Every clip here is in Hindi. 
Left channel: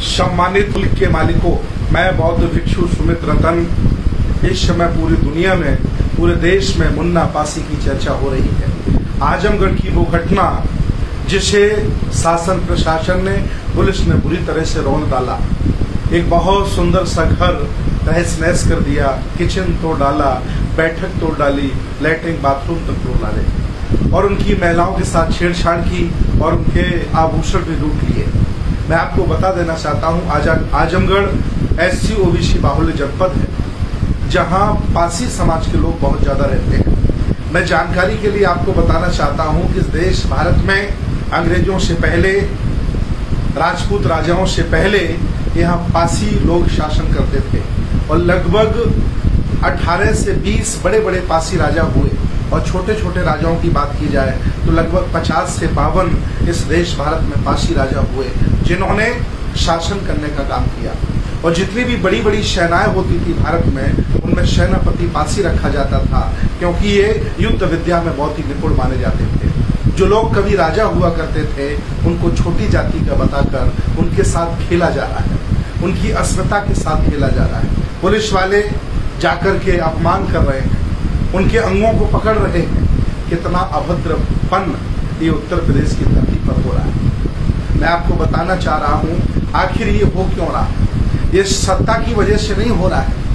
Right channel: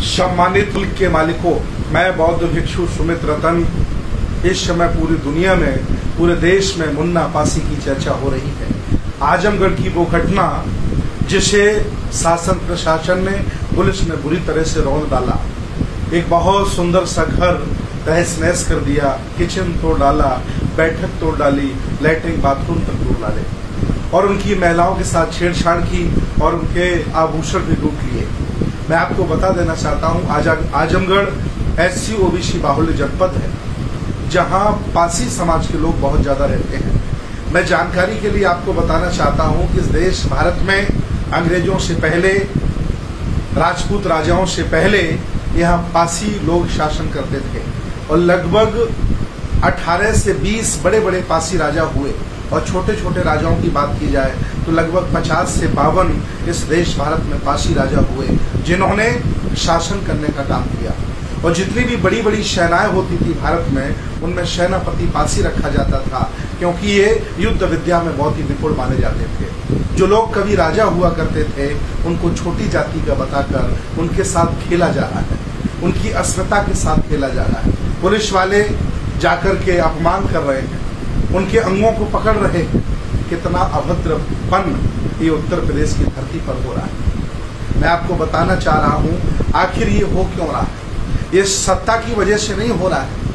सम्मानित मुल्क के मालिकों, मैं बौद्ध भिक्षु सुमित रतन। इस समय पूरी दुनिया में, पूरे देश में मुन्ना पासी की चर्चा हो रही है। आजमगढ़ की वो घटना जिसे शासन प्रशासन ने, पुलिस ने बुरी तरह से रौंद डाला। एक बहुत सुंदर सा घर तहस नहस कर दिया, किचन तोड़ डाला, बैठक तोड़ डाली, लैट्रिन बाथरूम तक तोड़ डाले और उनकी महिलाओं के साथ छेड़छाड़ की और उनके आभूषण भी लूट लिए। मैं आपको बता देना चाहता हूं, आजमगढ़ SC OBC बाहुल्य जनपद है, जहां पासी समाज के लोग बहुत ज्यादा रहते हैं। मैं जानकारी के लिए आपको बताना चाहता हूं कि इस देश भारत में अंग्रेजों से पहले, राजपूत राजाओं से पहले यहाँ पासी लोग शासन करते थे और लगभग 18 से 20 बड़े बड़े पासी राजा हुए और छोटे छोटे राजाओं की बात की जाए तो लगभग 50 से 52 इस देश भारत में पासी राजा हुए, जिन्होंने शासन करने का काम किया। और जितनी भी बड़ी बड़ी सेनाएं होती थी भारत में, उनमें सेनापति पासी रखा जाता था, क्योंकि ये युद्ध विद्या में बहुत ही निपुण माने जाते थे। जो लोग कभी राजा हुआ करते थे, उनको छोटी जाति का बताकर उनके साथ खेला जा रहा है, उनकी अस्मिता के साथ खेला जा रहा है। पुलिस वाले जाकर के अपमान कर रहे हैं, उनके अंगों को पकड़ रहे हैं। कितना अभद्रपन ये उत्तर प्रदेश की धरती पर हो रहा है। मैं आपको बताना चाह रहा हूं, आखिर ये हो क्यों रहा है? ये सत्ता की वजह से नहीं हो रहा है।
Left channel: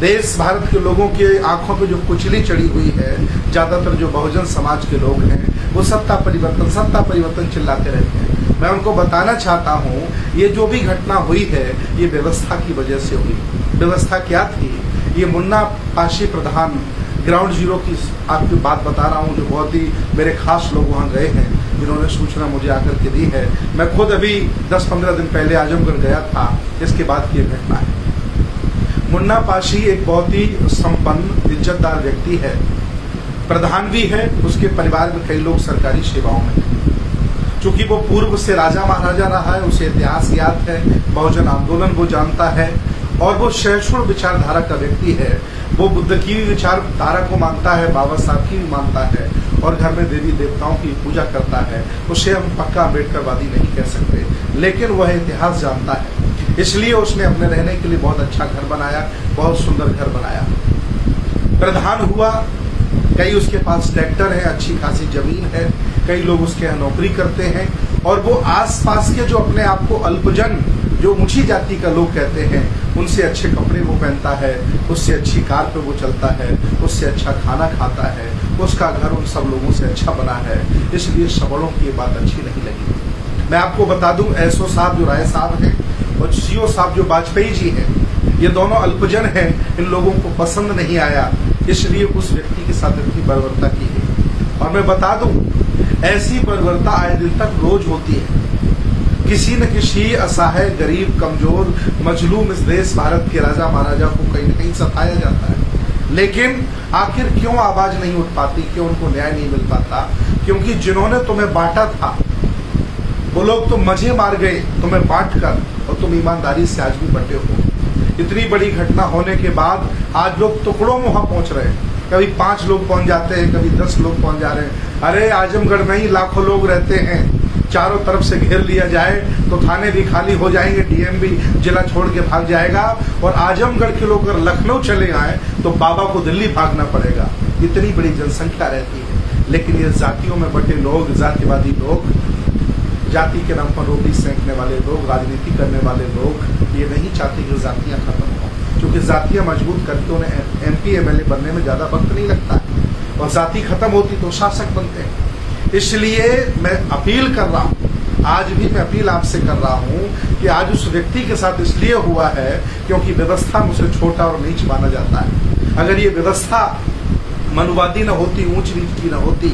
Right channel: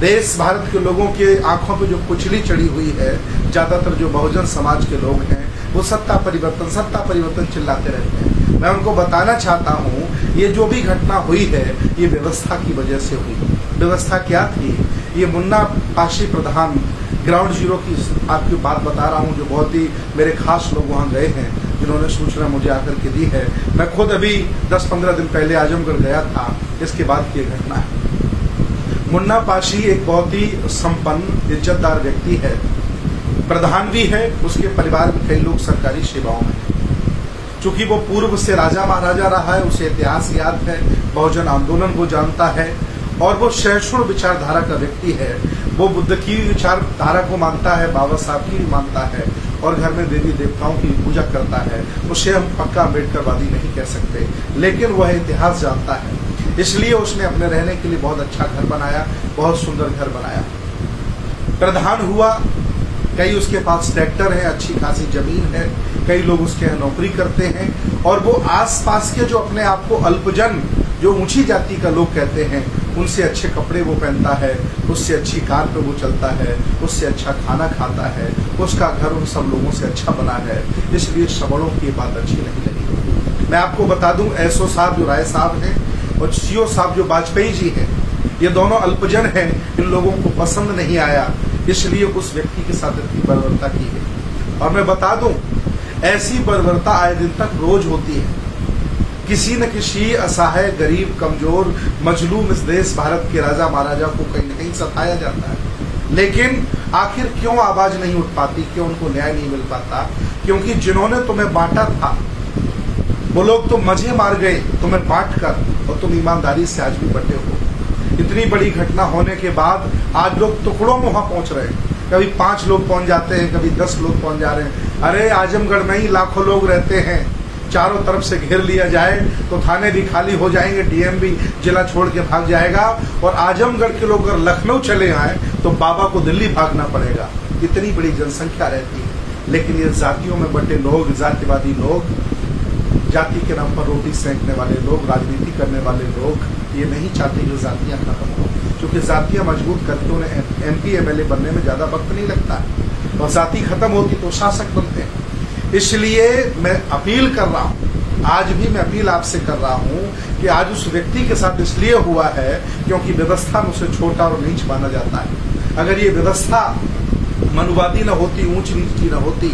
देश भारत के लोगों के आंखों पे जो कुचली चढ़ी हुई है, ज्यादातर जो बहुजन समाज के लोग हैं, वो सत्ता परिवर्तन चिल्लाते रहते हैं। मैं उनको बताना चाहता हूं, ये जो भी घटना हुई है, ये व्यवस्था की वजह से हुई। व्यवस्था क्या थी? ये मुन्ना पासी प्रधान, ग्राउंड जीरो की आपकी बात बता रहा हूं, जो बहुत ही मेरे खास लोग वहां गए हैं, जिन्होंने सूचना मुझे आकर के दी है। मैं खुद अभी 10-15 दिन पहले आजमगढ़ गया था, इसके बाद की घटना है। मुन्ना पासी एक बहुत ही संपन्न, इज्जतदार व्यक्ति है, प्रधान भी है। उसके परिवार में कई लोग सरकारी सेवाओं में हैं। चूंकि वो पूर्व से राजा महाराजा रहा है, उसे इतिहास याद है, बहुजन आंदोलन वो जानता है और वो सहिष्णु विचारधारा का व्यक्ति है। वो बुद्ध की विचारधारा को मानता है, बाबा साहब की भी मानता है और घर में देवी देवताओं की पूजा करता है। उसे हम पक्का अम्बेडकरवादी नहीं कह सकते, लेकिन वह इतिहास जानता है। इसलिए उसने अपने रहने के लिए बहुत अच्छा घर बनाया, बहुत सुंदर घर बनाया। प्रधान हुआ, कई उसके पास ट्रैक्टर है, अच्छी खासी जमीन है, कई लोग उसके यहाँ नौकरी करते हैं और वो आसपास के जो अपने आप को अल्पजन, जो ऊंची जाति का लोग कहते हैं, उनसे अच्छे कपड़े वो पहनता है, उससे अच्छी कार पे वो चलता है, उससे अच्छा खाना खाता है, उसका घर उन सब लोगों से अच्छा बना है। इसलिए सबड़ों की ये बात अच्छी नहीं लगी। मैं आपको बता दूं, SO साहब जो राय साहब हैं और CO साहब जो वाजपेयी जी हैं, ये दोनों अल्पजन हैं। इन लोगों को पसंद नहीं आया, इसलिए उस व्यक्ति के साथ इतनी बर्बरता की गई। और मैं बता दूं, ऐसी बर्बरता आए दिन तक रोज होती है। किसी न किसी असहाय, गरीब, कमजोर, मजलूम इस देश भारत के राजा महाराजा को कहीं न कहीं सताया जाता है। लेकिन आखिर क्यों आवाज नहीं उठ पाती, क्यों उनको न्याय नहीं मिल पाता? क्योंकि जिन्होंने तुम्हें बांटा था, वो लोग तो मजे मार गए तुम्हें बांट कर, और तुम ईमानदारी से आज भी बटे हो। इतनी बड़ी घटना होने के बाद आज लोग टुकड़ों में वहां पहुंच रहे हैं। कभी 5 लोग पहुंच जाते हैं, कभी 10 लोग पहुंच जा रहे हैं। अरे आजमगढ़ में ही लाखों लोग रहते हैं, चारों तरफ से घेर लिया जाए तो थाने भी खाली हो जाएंगे, DM भी जिला छोड़ के भाग जाएगा। और आजमगढ़ के लोग अगर लखनऊ चले आए तो बाबा को दिल्ली भागना पड़ेगा। इतनी बड़ी जनसंख्या रहती है, लेकिन ये जातियों में बटे लोग, जातिवादी लोग, जाति के नाम पर रोटी सेंकने वाले लोग, राजनीति करने वाले लोग, ये नहीं चाहते कि जातियां खत्म हो, क्योंकि जातियां मजबूत करके उन्हें MP MLA बनने में ज्यादा वक्त नहीं लगता है और जाति खत्म होती तो शासक बनते हैं। इसलिए मैं अपील कर रहा हूं, आज भी मैं अपील आपसे कर रहा हूं कि आज उस व्यक्ति के साथ इसलिए हुआ है क्योंकि व्यवस्था में उसे छोटा और नीच माना जाता है। अगर ये व्यवस्था मनुवादी न होती, ऊंच नीच की न होती,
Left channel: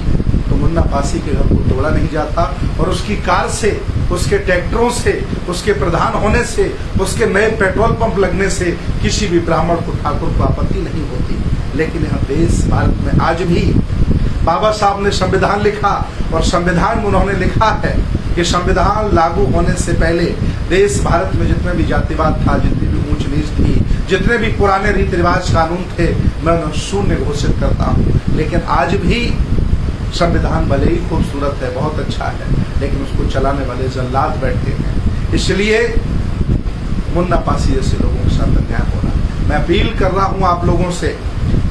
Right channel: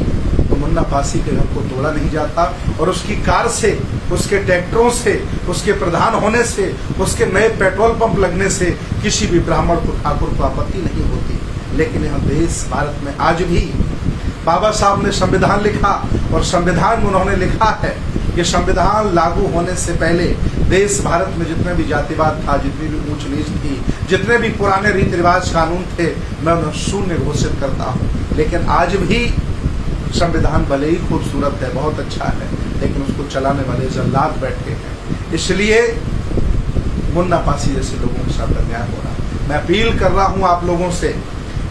तो मुन्ना पासी के घर को तोड़ा नहीं जाता और उसकी कार से, उसके ट्रैक्टरों से, उसके प्रधान होने से, उसके नए पेट्रोल पंप लगने से किसी भी ब्राह्मण को, ठाकुर को आपत्ति नहीं होती। लेकिन यहाँ देश भारत में आज भी बाबा साहब ने संविधान लिखा और संविधान में उन्होंने लिखा है कि संविधान लागू होने से पहले देश भारत में जितने भी जातिवाद था, जितनी भी ऊंच नीच थी, जितने भी पुराने रीति रिवाज कानून थे, मैं उन्हें शून्य घोषित करता हूं। लेकिन आज भी संविधान भले ही खूबसूरत है, बहुत अच्छा है, लेकिन उसको चलाने वाले जल्लाद बैठे हैं। इसलिए मुन्ना पासी जैसे लोगों के साथ अन्याय हो रहा है। मैं अपील कर रहा हूं आप लोगों से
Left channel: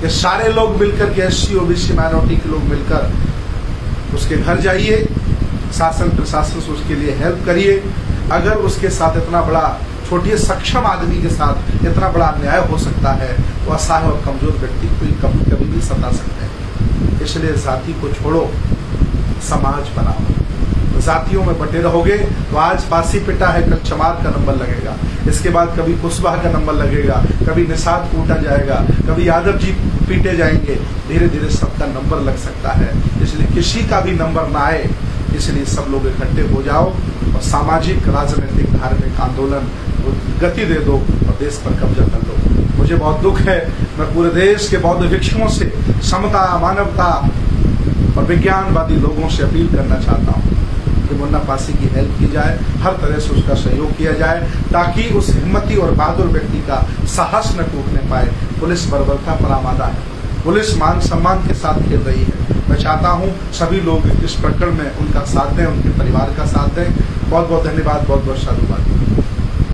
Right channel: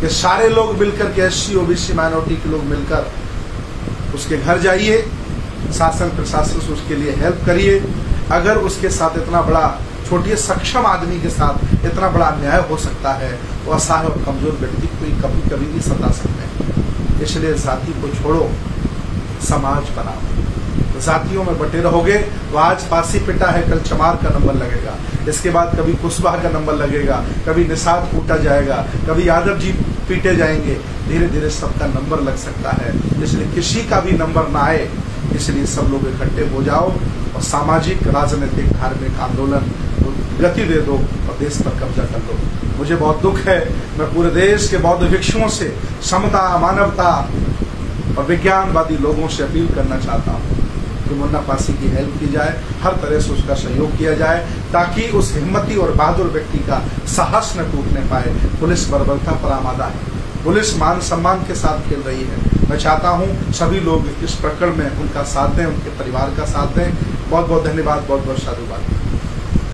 कि सारे लोग मिलकर के SC OBC माइनॉरिटी के लोग मिलकर उसके घर जाइए, शासन प्रशासन से उसके लिए हेल्प करिए। अगर उसके साथ इतना बड़ा छोटे सक्षम आदमी के साथ इतना बड़ा अन्याय हो सकता है तो असहाय और कमजोर व्यक्ति को कभी कभी भी सता सकते हैं। इसलिए जाति को छोड़ो, समाज बनाओ। जातियों में बटे रहोगे तो आज पासी पिटा है, कल चमार का नंबर लगेगा, इसके बाद कभी कुशवाहा का नंबर लगेगा, कभी निषाद कूटा जाएगा, कभी यादव जी पीटे जाएंगे। धीरे धीरे सबका नंबर लग सकता है। इसलिए किसी का भी नंबर ना आए, इसलिए सब लोग इकट्ठे हो जाओ और सामाजिक, राजनीतिक, धार्मिक आंदोलन गति दे दो और देश पर कब्जा कर लो। मुझे बहुत दुख है, मैं पूरे देश के बौद्ध भिक्षुओं से, समता, मानवता और विज्ञानवादी लोगों से अपील करना चाहता हूं कि मुन्ना पासी की हेल्प की जाए, हर तरह से उसका सहयोग किया जाए, ताकि उस हिम्मती और बहादुर व्यक्ति का साहस न टूटने पाए। पुलिस बर्बरता पर आमादा है, पुलिस मान सम्मान के साथ खेल रही है। मैं चाहता हूं सभी लोग इस प्रकरण में उनका साथ दें, उनके परिवार का साथ दें। बहुत बहुत धन्यवाद, बहुत बहुत साधुवाद।